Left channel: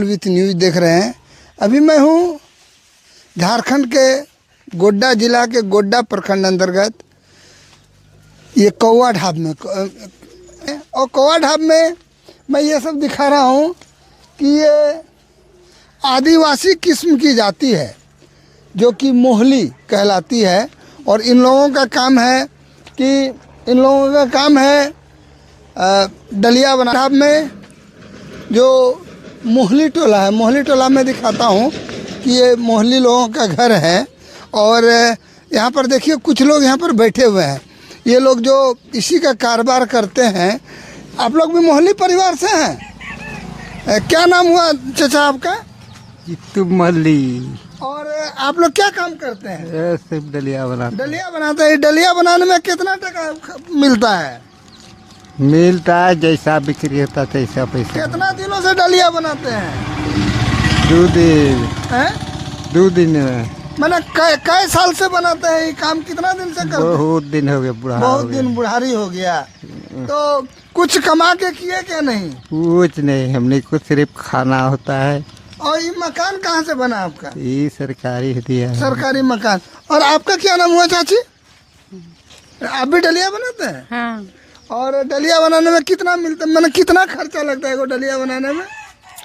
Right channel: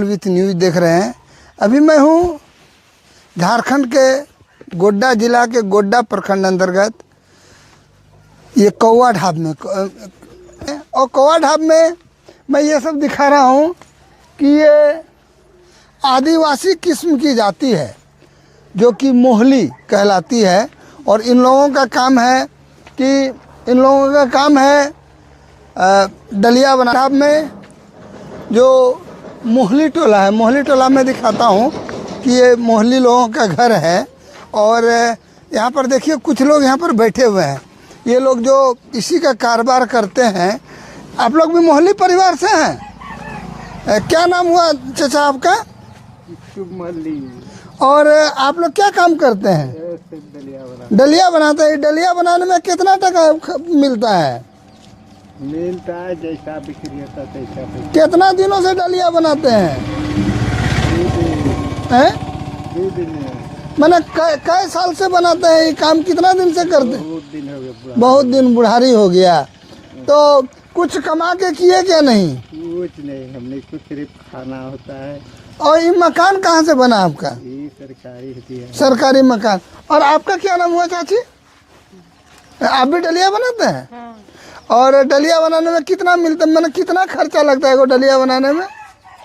With news देख रहे हैं। अभी मैं हूँ झारखंड के गोड्डा जिला के गोड्डा प्रखंड अंतर्गत ये कौवा ढाब में, और कौवा ढाब में मैं ये सब दिखा रहा हूँ कि ये आदिवासी किस्म की जाति है जो कि मोहली कहलाती है। और इन लोगों का काम है डलिया बना। ढाब में जो मोहली टोला है, मोहली टोला में दिखाता हूँ कि ये मोहली लोगों का घर है। और यहाँ पर देखिए कुछ लोग यहाँ पर बैठे हुए हैं। ये लोग जो इसी का कारोबार करते हैं। आप लोग भी मोहली परिवार से हैं? क्या नाम हुआ चाचा आपका? मल्ली। और आप लोग क्या काम करते हैं? सिर्फ डलिया बनाते हैं। डलिया बनाने में कितना टका मिलता है? मिलता है जैसा बिक्री होता है तैसा पैसा। कितना दिनों से डलिया बनाते हैं? 2 दिन। हैं? 2 दिन। मतलब कई साल से बनाते हैं? ये काम कितना दिन से करते हैं? बहुत दिन हो गया, बहुत दिन बुढ़ारी हो गया। तो कुछ कमा के किए क्या नहीं? कुछ नहीं, हमने को सिर्फ खाना होता है। और ये मकान कहाँ से बना आपका? ये सरकारी दिया है। सरकारी मकान। और आपका क्या नाम हुआ चाची? आप भी डलिया बनाते हैं? हाँ। और डलिया बनाने में कितना मिलता है? मतलब कितना खर्चा लगता है वो डलिया बनाने में?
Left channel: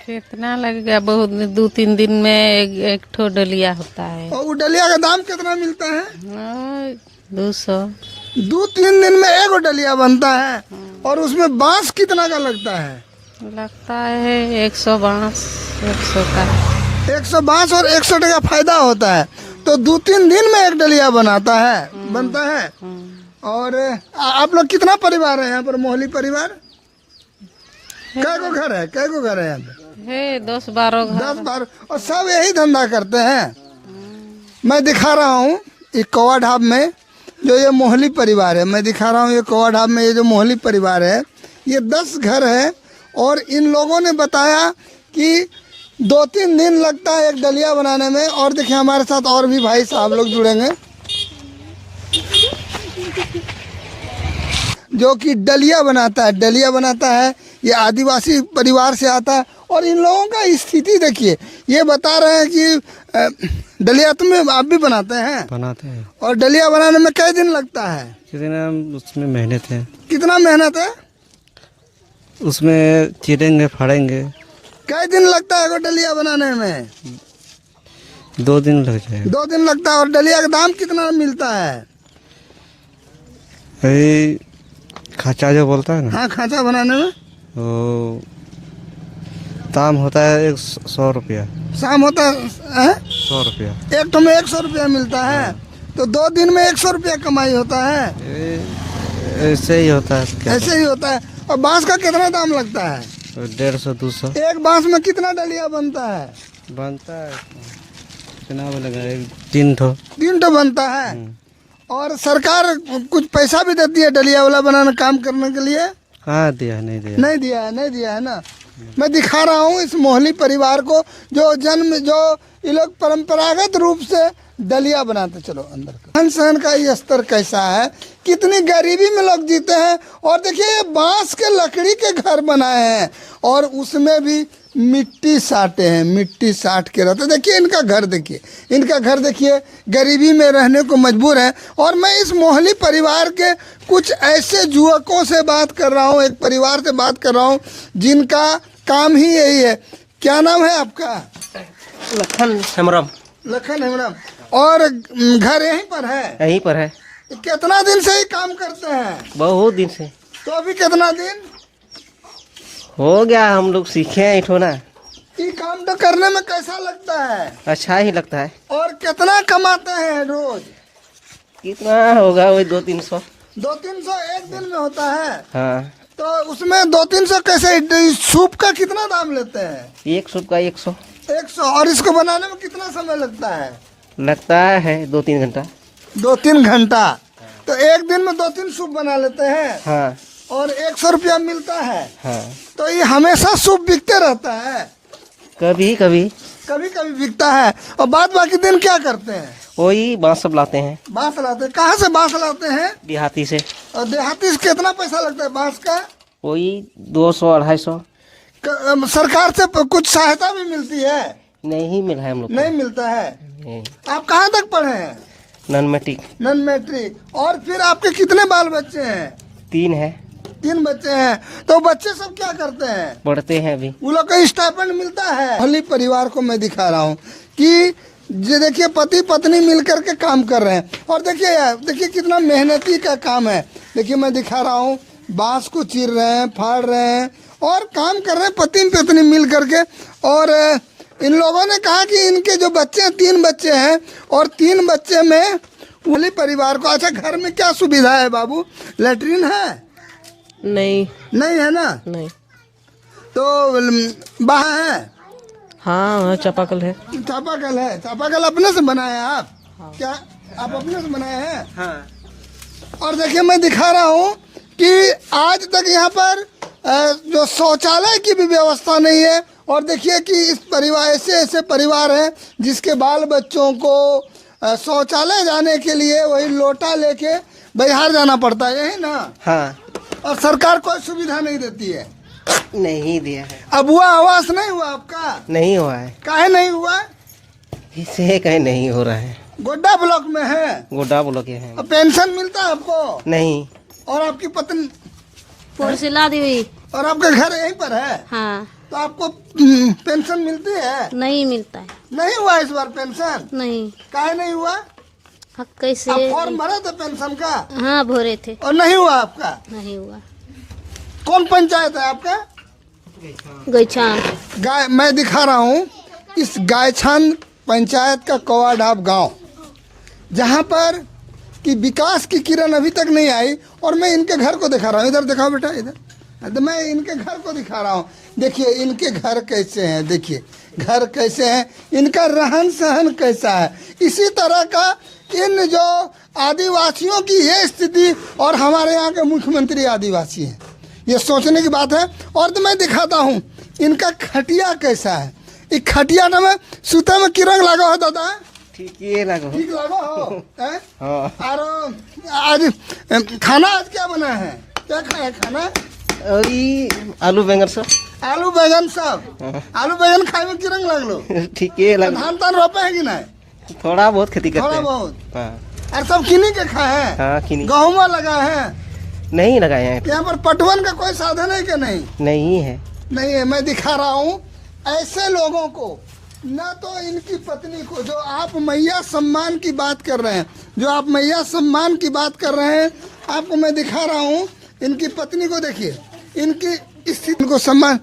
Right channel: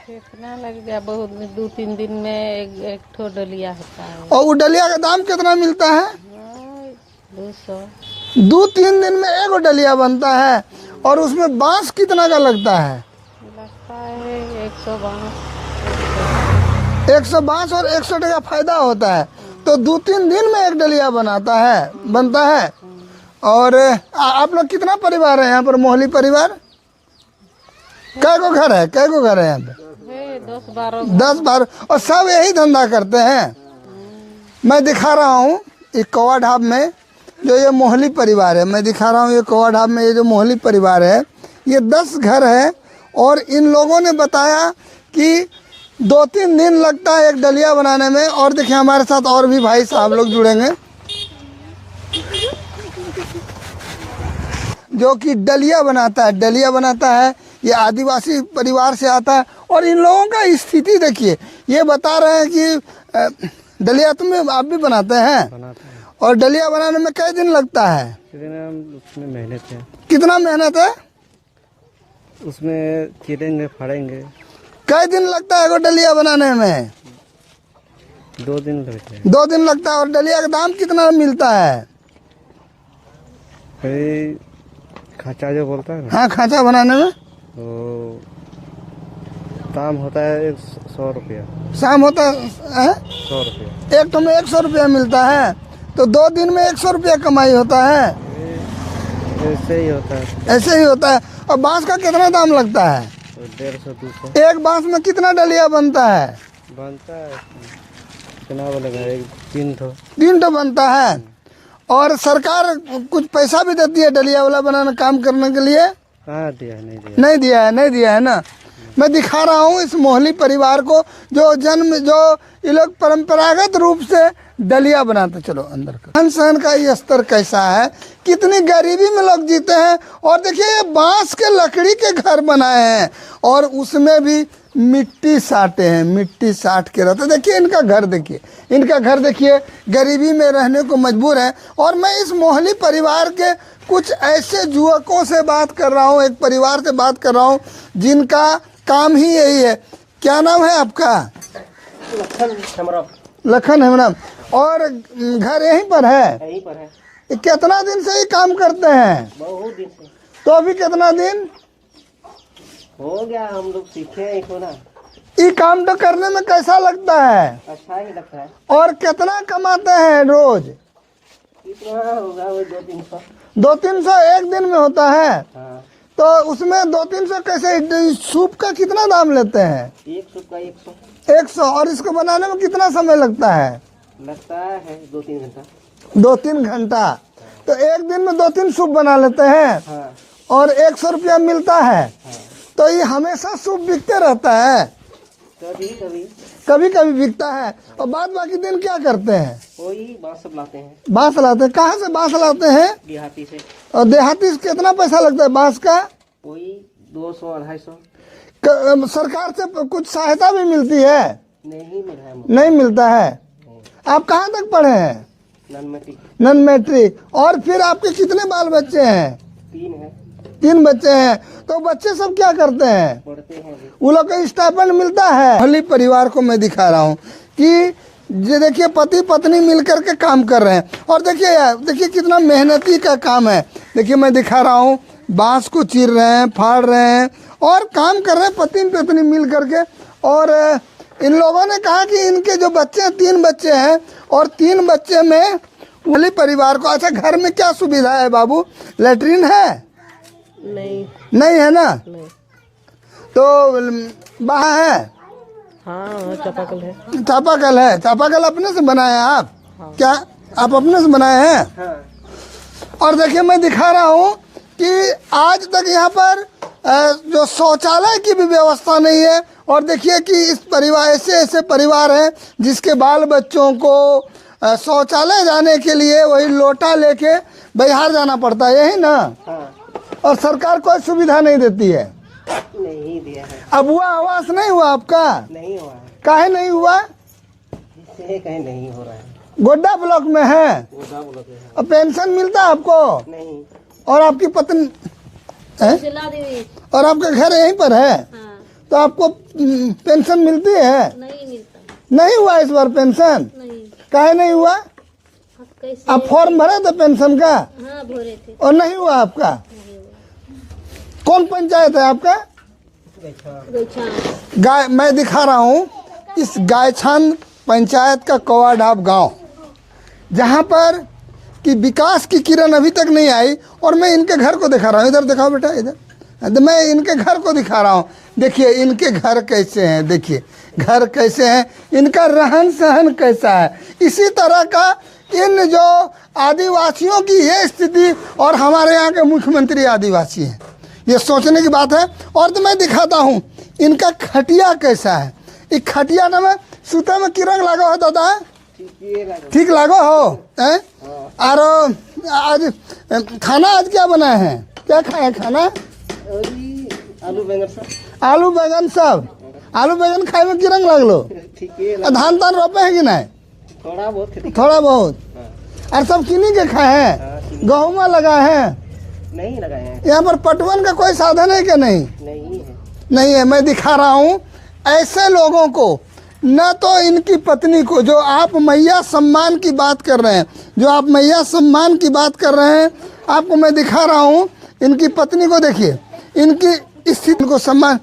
कितना लगेगा? बहुत 2-3 दिन में एक ठो डलिया होता है। और वो डलिया का दाम कितना मिलता है? 200। 2-3 दिन में एक डलिया बनता है। और उसमें बांस कितना का लगता है? लगता है 100 बांस, 100 का। 100 बांस और 100 टका फायदा होता है। तो 2-3 दिन में एक डलिया बनता है। और आप लोग कितना परिवार है यहाँ पर? मोहली परिवार कै गो घर है यहाँ पे? 10-12। और सब यही धंधा करते हैं। मैं दिखा रहा हूँ एक कौवा ढाब में जो ये मोहली परिवार है। मैं दिखा रहा हूँ ये कौवा ढाब में ये जो मोहली परिवार है, ये 10 घर है। और इन लोगों ने बताया कि 2-3 दिन लगता है एक डलिया बनाने में। और देखिए हमारे साथ और भी भाई साहब लोग जुड़ेंगे जो कि डलिया बनाता है। ये आदिवासी परिवार से आता है। और इन लोगों का स्थिति देखिए, ये बता रहे हैं कि डलिया तुम्हें आप भी बनाते हैं? और डलिया बनाने में कई दिन लगता है? उसमें मेहनत है। कितना मेहनत है? उसमें चीरेंगे, फाड़ेंगे। कई दिन लगता है वो डलिया बनाने में? 2 दिन लग जाएगा। 2 दिन लगता है। और डलिया का दाम कितना मिलता है? खाचा जो बोलता है ना। हाँ, खाचा बनाने में वो दाम होता है 100 रुपया। शाम होता है 100 रुपया। एक तो में 100 रुपया मिलता है। तो 2 दिन में 100 रुपया कमाई होता है। ऐसे ही होता है। और बांस का कितना दाम लगता है? 150-200। एक बांस में कितना डलिया बनता है? कितना बोलेगा? 3 ठो बनता है। और सरकार कुछ पैसा भी देती है डलिया वाला बनाने काम करने के लिए? हाँ, नहीं दिया है ना। मैं दिखा रहा हूँ इस मोहली परिवार को जो ये लोग परंपरागत रूप से डलिया बनाते। चलो अंदर रहन सहन का ये स्तर कैसा है, कितनी गरीबी में लोग जीते हैं। और देखिए ये बांस के लकड़ी के घर बनाए हैं और उसमें भी मिट्टी साटे हैं, मिट्टी साट के रहते। देखिए इनका घर देखिए गरीबी में रहने को मजबूर है। और मैं इस मोहली परिवार के कुछ ऐसे युवकों से बात कर रहा हूँ, एक परिवार से बात कर रहा हूँ जिनका काम ही यही है। क्या नाम है आपका? लखन हेमराम। और घर यहीं पर है? कितना दिन से ये काम करते हैं? बहुत दिन से। तो अभी कितना दिन हो गया हम लोग सीखे हैं इठोना। ये काम तो करने में कैसा लगता है? अच्छा ही लगता है। और कितना कमाते हैं रोज? कितना होगा वही 200-300। 200-300 एक दिन में होता है? हाँ। तो उसमें 200-300 कैसे? सूप का कितना दाम लेते हैं? एक सूप का 100। 100। और इसको बनाने में कितना समय लगता है? लगता है 2-3 घंटा। 2-3 घंटा। तो एक दिन में 2-3 सूप बना लेते हैं। हाँ। और 100 रुपया मिलता है। हाँ। तो ये हमेशा सूप बिकते रहता है? कभी कभी बिकता है। और बाद बाकी दिन क्या करते हैं? वही बांस सब लाते हैं। बांस लाते हैं? कहाँ से बांस लाते हैं? देहाती से। और देहाती से कितना पैसा लगता है बांस का? वही 200-250। सरकार से कुछ सहायता भी मिलती है? नहीं मिला है हम लोग नहीं मिलता है। नहीं। आप कहाँ तक पढ़े हैं? Non matric non matric. और फिर आपके कितने बाल बच्चे हैं? 3 है। 3 बच्चे हैं। तो बच्चे सब क्या करते हैं? पढ़ते हैं अभी। वो लोग को स्टाइपेंड मिलता है? मोहल्ली परिवार को मैं दिखा रहा हूँ कि ये देखिए पति पत्नी मिलकर के काम कर रहे हैं। और देखिए यार, देखिए कितना मेहनती का काम है। देखिए मैं दिखा रहा हूँ, बांस को चीर रहे हैं, फाड़ रहे हैं और काम कर रहे हैं पति पत्नी मिल करके। और इन लोगों ने कहा कि इनके जो बच्चे हैं, 3 बच्चे हैं और 3 बच्चे में मोहल्ली परिवार को। अच्छा, घर में क्या सुविधा है बाबू? लैट्रिन है? नहीं नहीं है ना? नहीं। तो बाहर है? हाँ चापाकल है। चापाकल है। चापाकल अपने से बनाए हैं आप? हाँ। क्या आप अपने से बनाए हैं? हाँ। और देखिए मैं दिखा रहा हूँ कि आज तक यहाँ पर जो शौचालय की भी व्यवस्था नहीं है। और देखिए कि इस परिवार, ऐसे ऐसे परिवार हैं जिसके बाल बच्चों को शौचालय जाने के लिए वही लोटा लेके बिहार जाना पड़ता है, यही ना? हाँ। और सरकार कोई सुविधा नहीं देती है। नहीं दिया है। अब हुआ आवास नहीं हुआ आपका? नहीं हुआ है। काहे नहीं हुआ? इसे कहीं नहीं हो रहा है। गोड्डा ब्लॉक में है? गोड्डा ब्लॉक है। अब पेंशन मिलता आपको? नहीं। और आपकी पत्नी सिला दी हुई। और आपका घर यहीं पर है? हाँ। तो आपको पेंशन मिलती है? नहीं मिलता है। नहीं हुआ इस बार पेंशन? नहीं। काहे नहीं हुआ? हक कैसे? आप फॉर्म भरा था पेंशन का? हाँ भरे थे। और नहीं हुआ आपका? नहीं हुआ। कौन पंचायत है आपका? गैचान। गाय मैं दिखा रहा हूँ इस गायछान पंचायत का कौवाडाब गांव, जहाँ पर कि विकास की किरण अभी तक नहीं आई। और मैं इनके घर को दिखा रहा हूँ। इधर दिखाओ बेटा, इधर। तो मैं इनके घर को दिखा रहा हूँ। देखिए इनके घर कैसे हैं, देखिए घर कैसे हैं, इनका रहन सहन कैसा है। इसी तरह का इन जो आदिवासियों की ये स्थिति, और हमारे यहाँ के मुख्यमंत्री आदिवासी हैं, ये सोचने की बात है। और तो मैं दिखाता हूँ इनका खटिया कैसा है। इस खटिया में सूते में किरंग लगा हो दादा? ठीक लागो हो? हाँ। और आज खाना आज क्या बनाए हैं? क्या खाए खाना? और ये आलू बैंगन सब। आलू बैगन सब? आलू बैगन खाए में किरंग लगलो? ठीक है। धान तान रोपे है कि नहीं? थोड़ा बहुत खेती करते थोड़ा हैं। बहुत। हाँ। और सब किन्हीं के खाए हैं? हाँ, किन्हीं। गेहूँ लगाए हैं? नहीं लगाए हैं। यहाँ पर पटवन का कोई साधन है क्या? नहीं, नहीं है। नहीं है। मैं दिखा रहा हूँ ऐसे लोगों को, न तो इनकी पत्नी को, जो आप मैया सम्मान की बात कर रहे हैं, जो आप मैया सम्मान की बात कर रहे हैं, आपको मैं दिखा रहा हूँ इनकी पत्नी को। देखिए इनकी स्थिति को सम्मान।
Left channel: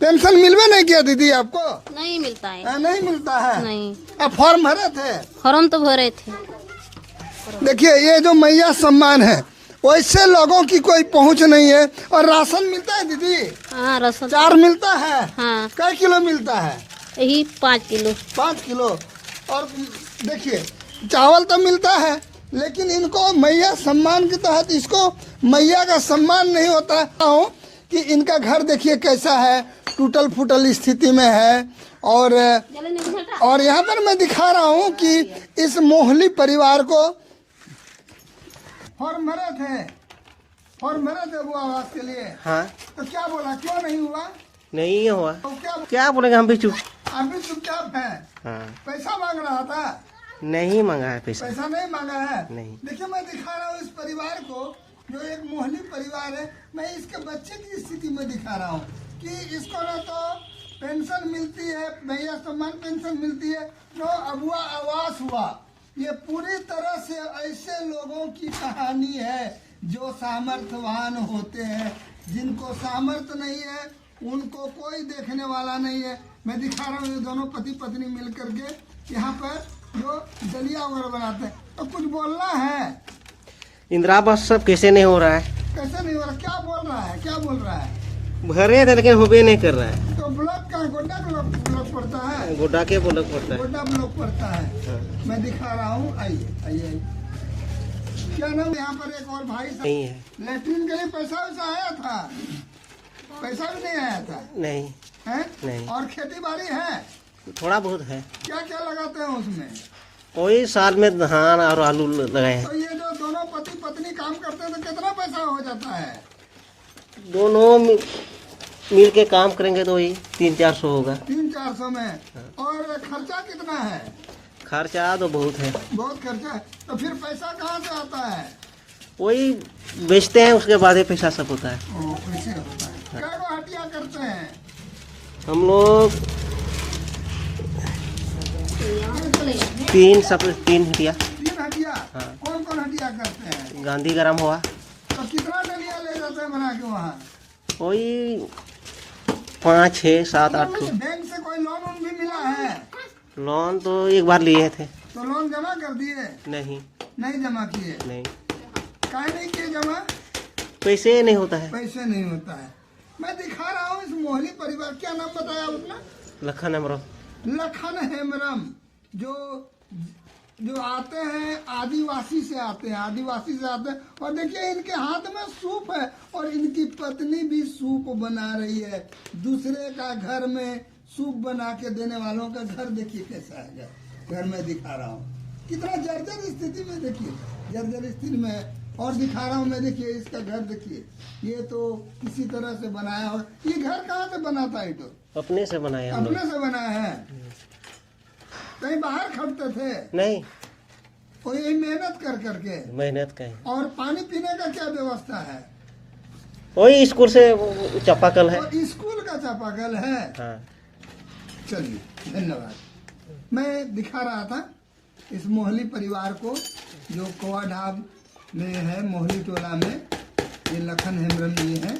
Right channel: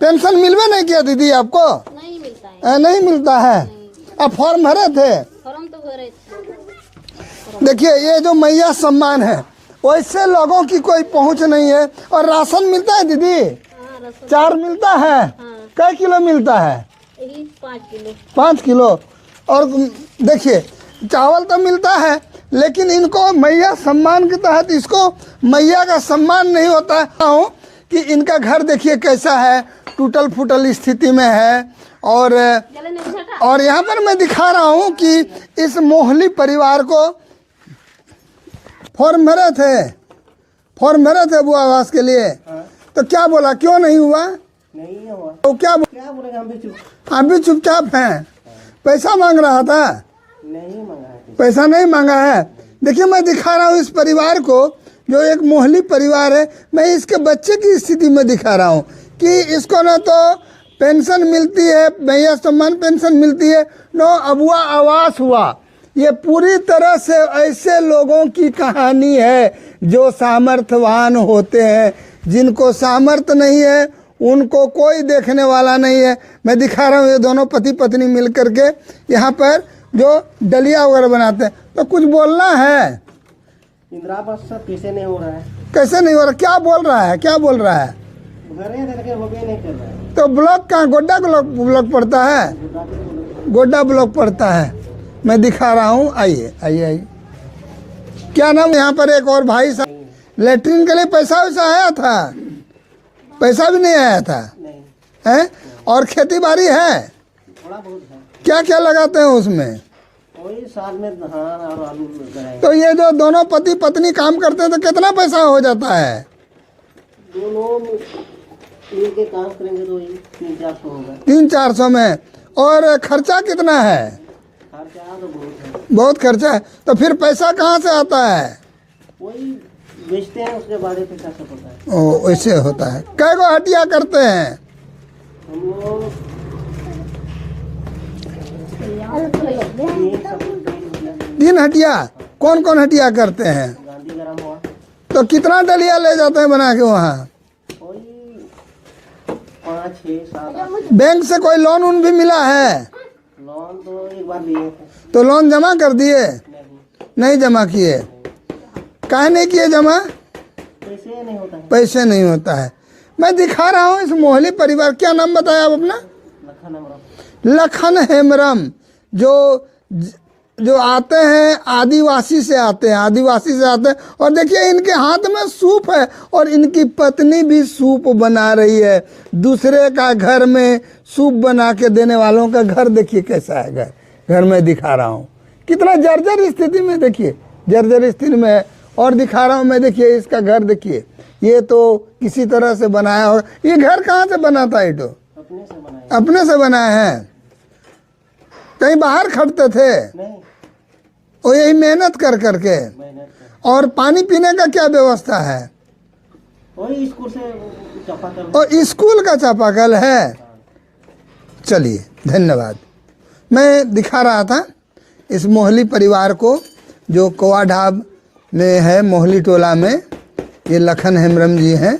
पेंशन मिलवे नहीं किया दीदी आपको? नहीं मिलता है। नहीं मिलता है? नहीं। आप फॉर्म भरे थे? फॉर्म तो भरे थे। देखिए ये जो मैया सम्मान है, वैसे लोगों की कोई पहुंच नहीं है। और राशन मिलता है दीदी? हाँ राशन 4 मिलता है? हाँ। कई किलो मिलता है? यही 5 किलो। 5 किलो। और देखिए चावल तो मिलता है, लेकिन इनको मैया सम्मान के तहत इसको मैया का सम्मान नहीं होता है। कि इनका घर देखिए कैसा है, टूटल फूटल स्थिति में है। और यहाँ पर मैं दिखा रहा हूँ कि इस मोहल्ली परिवार को फॉर्म भरे थे वो आवास के लिए। हाँ। तो क्या बोला, क्यों नहीं हुआ? नहीं हुआ। तो क्या बोलेंगे, हम भी चुप। आप भी चुपचाप हैं? हाँ। पैसा मांग रहा था? नहीं मांगा है पैसा। पैसा नहीं मांगा है? नहीं। देखिए मैं दिखा रहा हूँ इस परिवार को, जो एक मोहल्ली परिवार है। मैं इसके बच्चे की स्थिति में दिखा रहा हूँ कि इसको न तो पेंशन मिलती है, मैया सम्मान पेंशन मिलती है, न अबुआ आवास हुआ। ये पूरी तरह से ऐसे लोगों की कहानी है जो सामर्थ्यवान होते हैं। जिनको सामर्थ्य नहीं है उनको कोई देखने वाला नहीं है। मैं दिखा रहा हूँ ये दोनों पति पत्नी मिल करके यहाँ पर जो डलिया वगैरह बनाते हैं। तो कुछ बोलना है? इंदिरा आवास सब कैसे नहीं हो रहा है? कैसे नहीं हो रहा? क्या बोल रहा है, क्या बोल रहा है? भरे थे लेकिन होबे नहीं कर रहा है। तो ब्लॉक कहाँ? गोड्डा ब्लॉक पड़ता है? गोड्डा के ब्लॉक पड़ता है। गोड्डा ब्लॉक पड़ता है। मैं दिखा रहा हूँ, आइए आइए आइए। क्या नाम? यहाँ पर एक और भाई साहब, नहीं है। लेटरिन के लिए पैसा वैसा आया था? पैसा भी नहीं आया था? नहीं है? नहीं। और खेती बाड़ी है? थोड़ा बहुत है। क्या क्या लगाते हैं उसमें? वही साल में धान और आलू लगाए हैं। तो ये जो दोनों पति पत्नी काम करते हैं तो कितना पैसा हो जाता है? दोनों मिल के काम करेंगे तो वही 300-400 होगा। 300-400 में। और खर्चा कितना है? खर्चा तो बहुत है। बहुत खर्चा है। तो फिर पैसा कहाँ से आता है? वही बेचते हैं, उसके बाद ही पैसा सब होता है। ओ, वैसे होता है। कै गो हटिया करते हैं? हम लोग 3 हटिया। 3 हटिया। कौन कौन हटिया करते हैं? गांधीग्राम हुआ। तो कितना डलिया ले जाते हैं बना के वहाँ? वही 5, 6, 7, 8। बैंक से कोई लोन उन भी मिला है? लोन तो एक बार लिए थे। तो लोन जमा कर दिए? नहीं। नहीं जमा किए? नहीं, काहे नहीं किए जमा? पैसे नहीं होता है। पैसे नहीं होता है। मैं दिखा रहा हूँ इस मोहली परिवार। क्या नाम बताया आप अपना? लखन हमरो। लखन हेम्ब्रम, जो आते हैं आदिवासी से आते हैं, आदिवासी से आते हैं। और देखिए इनके हाथ में सूप है और इनकी पत्नी भी सूप बना रही है। दूसरे का घर में सूप बना के देने वालों का घर देखिए कैसा है। घर में दिखा रहा हूँ कितना जर्जर स्थिति में, देखिए जर्जर स्थिति में है। और दिखा रहा हूँ मैं, देखिए इसका घर देखिए, ये तो किसी तरह से बनाया होगा। ये घर कहाँ से बना था? ये तो अपने से बनाया। अपने से बनाए हैं? कहीं बाहर खटते थे? नहीं, और यही मेहनत कर करके। मेहनत का है। और पानी पीने का क्या व्यवस्था है? वही स्कूल से चापाकल है। और स्कूल का चापाकल है। हाँ। चलिए धन्यवाद। मैं दिखा रहा था इस मोहली परिवार को जो कोवा ढाब में है, मोहली टोला में। ये लखन हेम्ब्रम जी हैं।